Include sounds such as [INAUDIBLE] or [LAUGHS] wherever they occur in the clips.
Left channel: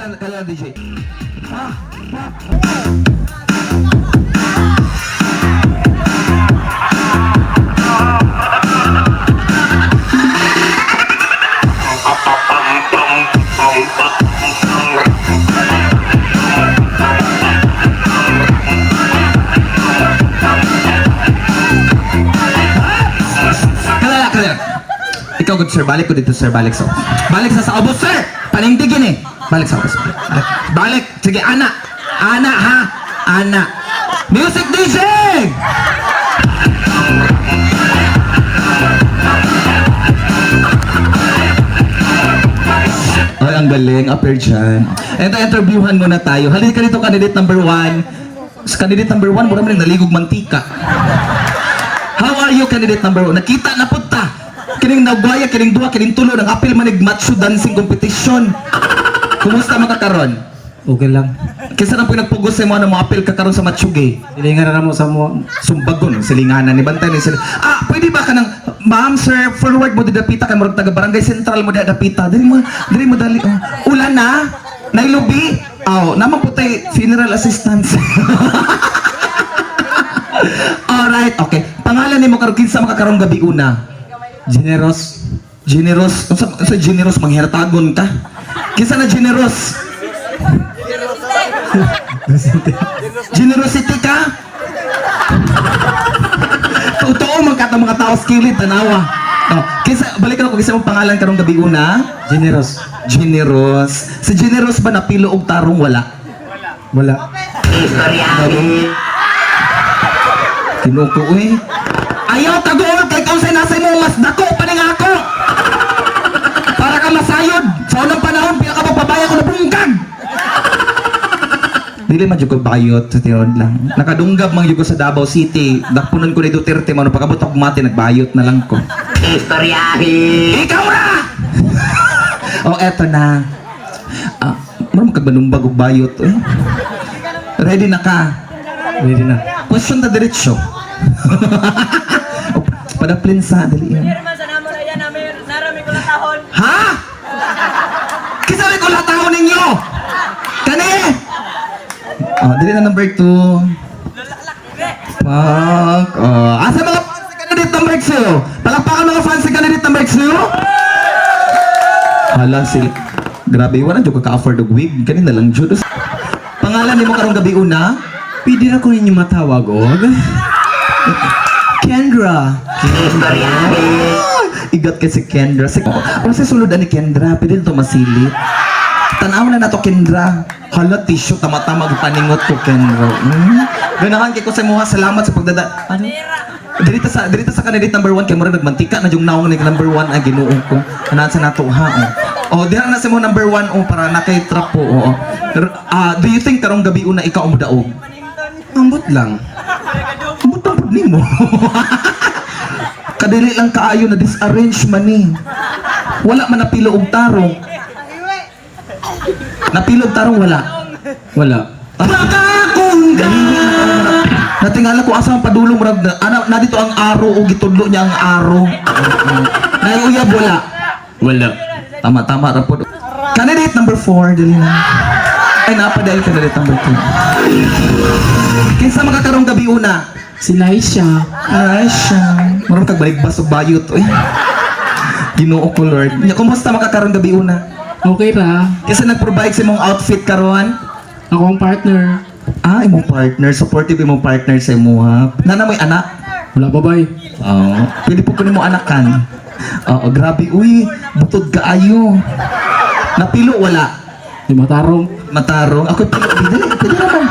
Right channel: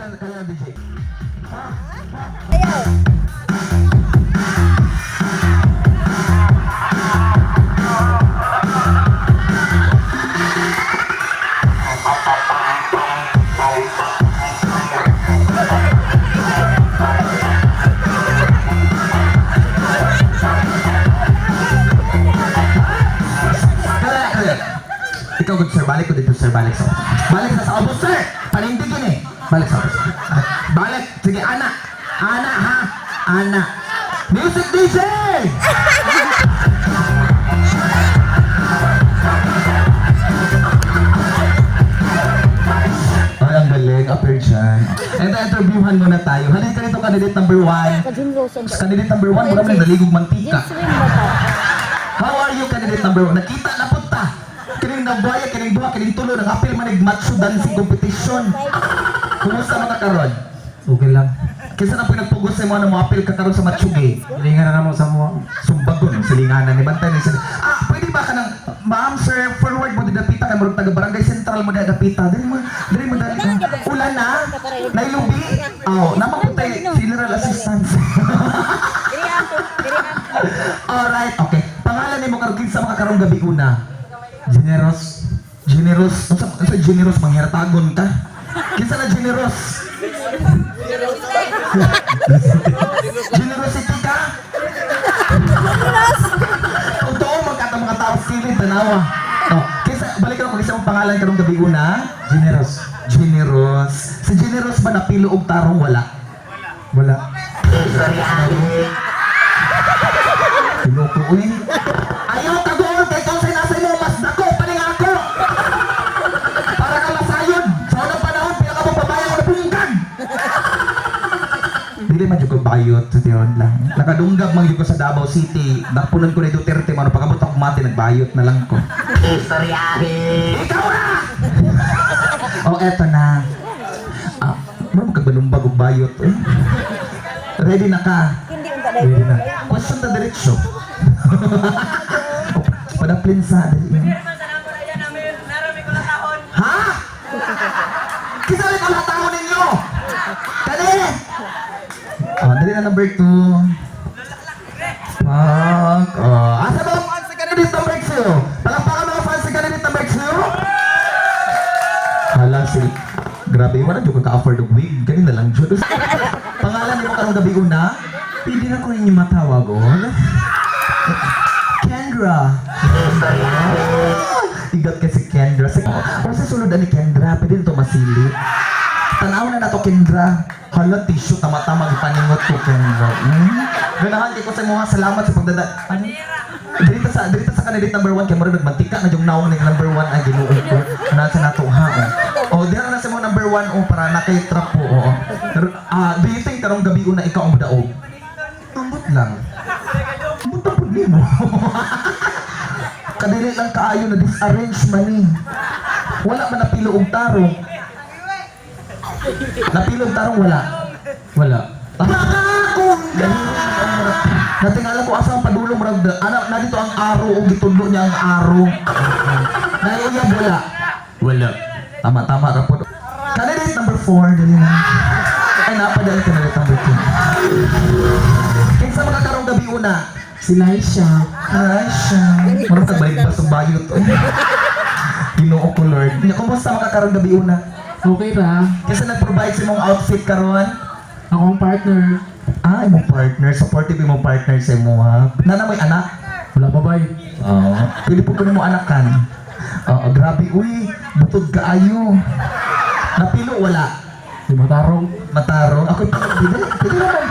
Kailan, kailan DJ? Kalala. Ikaw, good sir. Balik ko dito, sir. Balik sa... Balik sa sa obos, sir! Panindigin eh. Balik sa obos. Balik. Sige, ana. Ana, ha? Ana. Music DJ! Ay, ang galing. Upper dyan. Ito, interviewhan muna tayo. Halika dito, candidate number one. Candidate number one, mura mo rin naligog mantika. How are you, candidate number one? Nakita na punta. Kining nagwaya, kining duwa, kining tulo, nang apil manig macho dancing competition. Kumusta makakaron? Okay lang. Kinsa na po nagpugos sa mga mga apil kakaron sa matsuge? Hilingan na mo sa mo. Sumbagon, silinganan ni Bantay ni sila. Ah, pwede ba ka nang, ma'am, sir, forward mo didapita ka mo taga barangay central mo didapita. Dili mo, dili mo dali. ah, ulan na? Nailubi? Aw, oh, naman po tayo, funeral assistance. [LAUGHS] Alright, okay. Pangalan ni mo karon kinsa makakarong gabi una? Generous. Generous, unsa unsa generous manghiratagon ka? Kinsa na generous? [LAUGHS] Generosity ka? Totoo man ka mga tao skilled tanawa. No, kinsa balik ako kinsa mo pangalan karong gabi una? Generous. Generous. Sa generous ba napilo og tarong wala? Wala. Tinuto eh. Ayaw ka goal kay kung say nasa mo mas dako pa ning ako. Para ka masayod. Sa unang panahon pila ka magpabaya ko na bungkag. Dili man jud ko bayot sa tiyon lang. Nakadunggab man jud ko sa Davao City. Dakpunon ko ni Duterte man pagabot ako mati nagbayot na lang ko. Istoryahin! Ikaw na! oh, eto na. Ah, mo magkabanumbag og bayot eh. Ready na ka? Ready na. Question na diretsyo. [LAUGHS] Padaplin sa dali yan. Ha? Kisali ko lahat ako ninyo! Kani! Oh, dali na number two. Fuck. Oh, asa mga fans sa candidate number two? Palakpakan mga fans sa candidate number two? Hala, si... Grabe, wala dyan ka-afford og wig. Kanina lang, Jod. Pangalan ni mo karong gabi una? Pwede na ko ninyo matawag og. Kendra. Istoryahin! Igot ka si Kendra. Si, ano si sulod ni Kendra? Pwede ito masili. Na to Kendra. Hala, tissue, tama-tama paningot ko Kendra. Hmm? Ganahan kay ko sa mga salamat sa pagdada. Ano? Dirita sa dirita sa candidate number 1 kay mura nagmantika na yung naong nag number 1 ang Ginoo ko. Anaan sa nato ha. Oh, oh dira na sa mo number 1 oh para na kay trap po. Oh. Ah, do you think karong gabi una ikaw ang mudaog? Ambot lang. Ambot ang pud nimo. [LAUGHS] Kadili lang kaayo na disarrange man ni. Wala man napilo og tarong. Napilo og tarong wala. Wala. Nakakong Natingala ko asa ang padulong murag na, ana na dito ang aro o gitudlo niya ang aro. Nayuyab wala. Wala. Tama tama ra po. Candidate number 4 dali na. Ay napadayal candidate number 2. Kinsa makakarong gabi una? Si Naisha. Siya. Murag kag balik ba sa bayot oy. Ginoo ko Lord. Kumusta makakarong gabi una? Okay ra. Kinsa nag-provide sa imong outfit karon? Akong partner. Ah, imong partner, supportive imong partner sa imo ha. Nana mo'y anak? Wala babay. Oo. Pwede po ko nimo anakan. Oo, grabe. Uy, butod kaayo. Napilo wala. Di matarong. Matarong. Ako pilo. Pwede, pwede naman.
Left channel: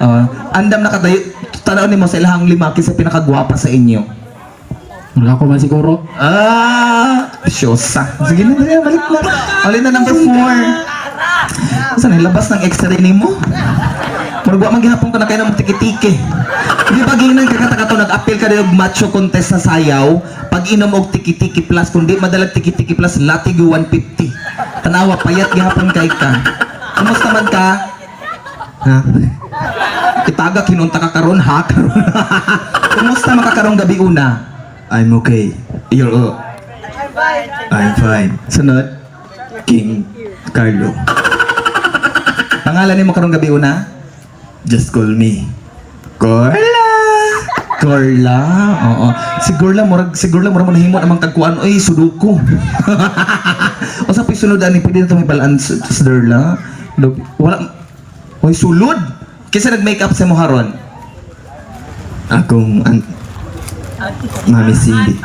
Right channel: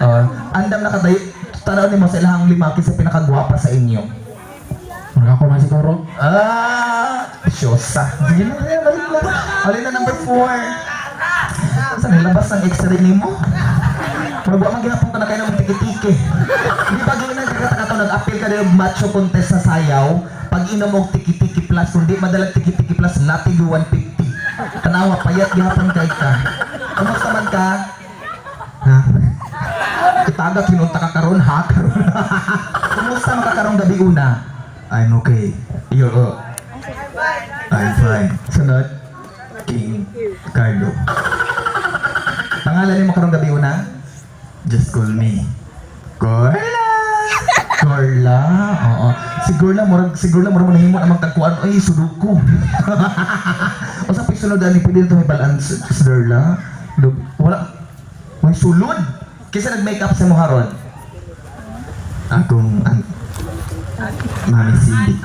Oo. andam na kadayo. Tanaw ni mo sa ilahang lima kasi pinakagwapa sa inyo. Wala ko man siguro. Ah, syosa. Sige na, dali, balik na. Balik na number four. Saan ilabas ng extra ni mo? Murag wa man gihapon ka na kayo ng tiki-tiki. Di ba ginang kakatakato nag-appeal ka ng macho contest sa sayaw, pag inom og tiki-tiki plus, kung di madalag tiki-tiki plus, latig 150. Tanawa, payat gihapon kay ka. Kumusta man ka? Ha? Itaga kinunta ka karon ha [LAUGHS] karon. Kumusta makakarong gabi una? I'm okay. You're uh, I'm fine. Sunod. King Carlo. Ang ngalan ni mo karong gabi una? Just call me. Corla. Corla. Oo. Si Corla murag si Corla murag mo nahimo namang tagkuan oy suduko. Usa [LAUGHS] pa sunod ani pwede na to may balance sa Derla. Log- Wala Oy sulod. Kisa nag-makeup sa mo haron. Akong ang Mami Cindy.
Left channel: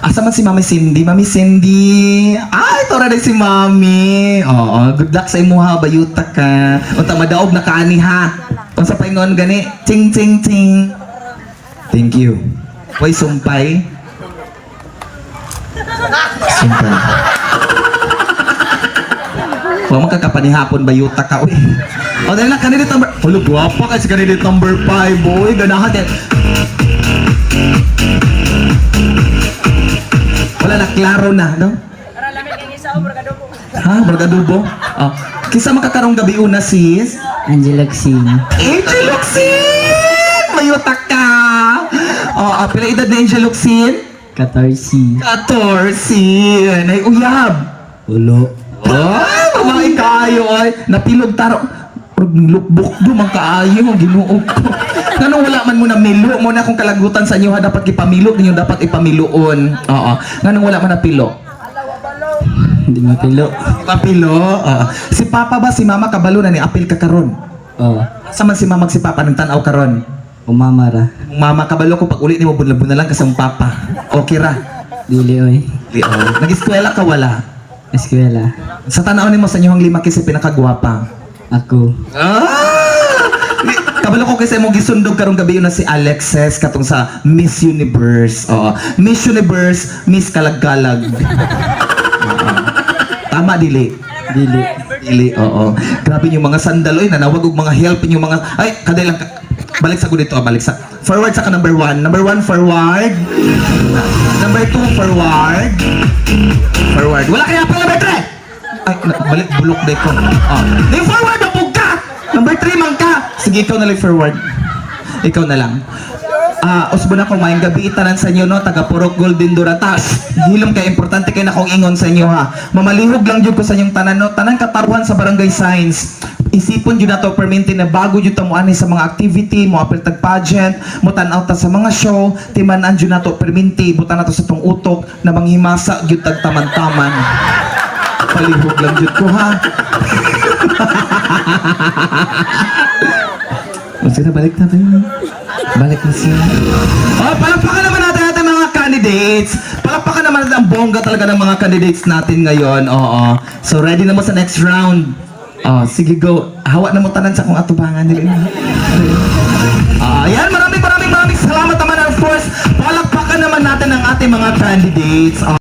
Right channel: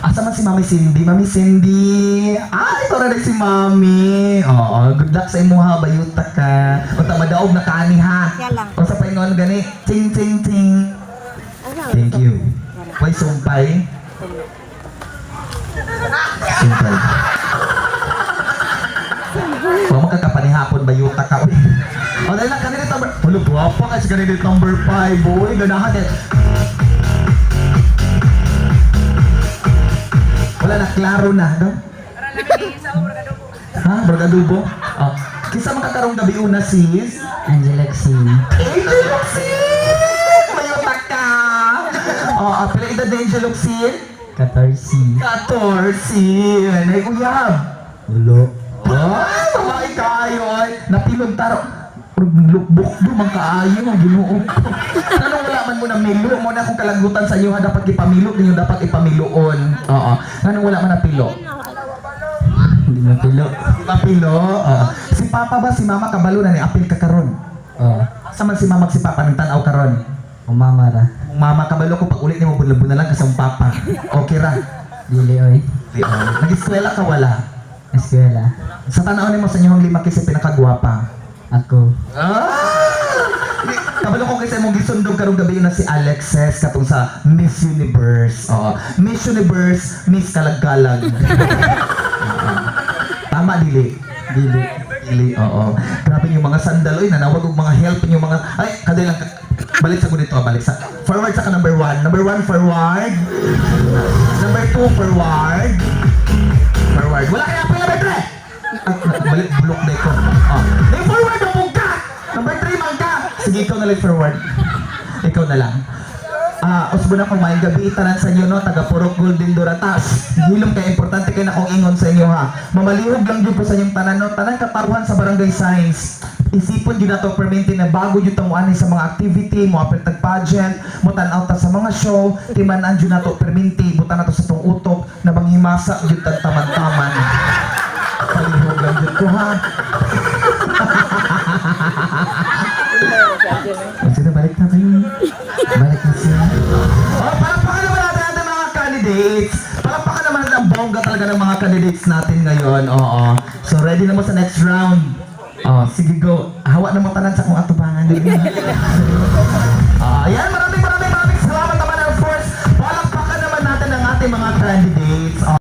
Asa man si Mami Cindy? Mami Cindy. Ay, ito rin si Mami. Oo, good luck sa imuha, bayuta ka. Unta madaog na kaani ha. Unsa pa ingon gani? Ching ching ching. Thank you. Hoy, sumpay. Sumpay. Huwag magkakapanihapon bayuta ka. Uy. O, dahil na, candidate number... Hulo, guwapa kasi candidate number 5, boy. Ganahan yan. Makakarong gabi una sis? Angela Xin, Angel Luxin! Mayuta ka! Oh, ah, pila edad na Angel Luxin? 14, 14! Nay uyab! Ulo, Oh, mga kayo ay napilog taro. Lukbok do man kaayo ang Ginoo ko. Ngano wala man mo na milo mo na kung kalagutan sa inyo ha dapat ipamilo ninyo dapat ipamiloon. Oo. Ngano wala man na pilo? Hindi mapilo. Mapilo. Oo. Si Papa ba si Mama kabalo na ni apil ka karon? Oh, Asa man si Mama si Papa nang tanaw karon? umamara, Kung Mama kabalo ko pag uli nimo bunlabon na lang kasi ang Papa. Okay ra. dili oy, Di oh. Nag-eskwela ka wala. eskwela, Sa tanaw nimo sa inyong lima kasi pinakagwapa. ako, Ah! Ni- Kabalo ko kasi mong gisundog karong gabi yun na si Alexis katong sa Miss Universe. Oo. Miss Universe, Miss Kalagkalag. [LAUGHS] Dili. dili, Dili, oo. Grabe yung mga sandal oy nanawag og mga help yung mga ay kaday lang ka- balik sa ko dito ah, balik sa forward sa ka number one. Number one forward. Number two forward. Forward. Wala kaya pala number three. Ay na- balik bulok day ko. Oh. Di forward na po ka. Number three man ka. Sige ikaw na lang forward. Ikaw na lang Ah, usbo na kung maayong gabi itanan sa inyo no, taga Purok Golden Duratas. Hilom kay importante kay na kong ingon sa inyo ha. Mamalihog lang jud ko sa inyong tanan no, tanan katarwan sa Barangay Science. Isipon jud nato perminti na bago jud ta ani sa mga activity, mo apil tag pageant, mo tan-aw ta sa mga show, timan-an jud nato perminti, butan nato sa tong utok na manghimasa jud tag taman-taman. Palihog lang jud ko ha. [LAUGHS] Sige, balik na tayo. Balik na siya. Oh, palakpakan naman natin natin mga candidates. Palakpakan naman natin ang bongga talaga ng mga candidates natin ngayon. Oo. So, ready na mo sa next round. Oh, sige go. Hawa na mo tanan sa kong atubangan. Mo. Ah, yan,